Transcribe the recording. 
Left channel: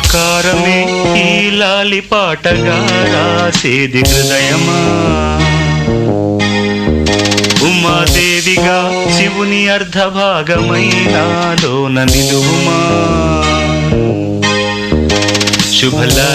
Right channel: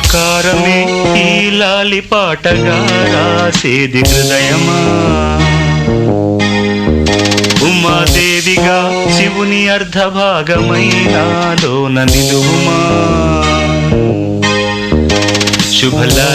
మమకారమే ఈ లాలి పాటగా రాసేది హృదయమా. ఉమాదేవిగా శివుని అర్ధభాగమైనాలోన నిలువుమా. శుభలా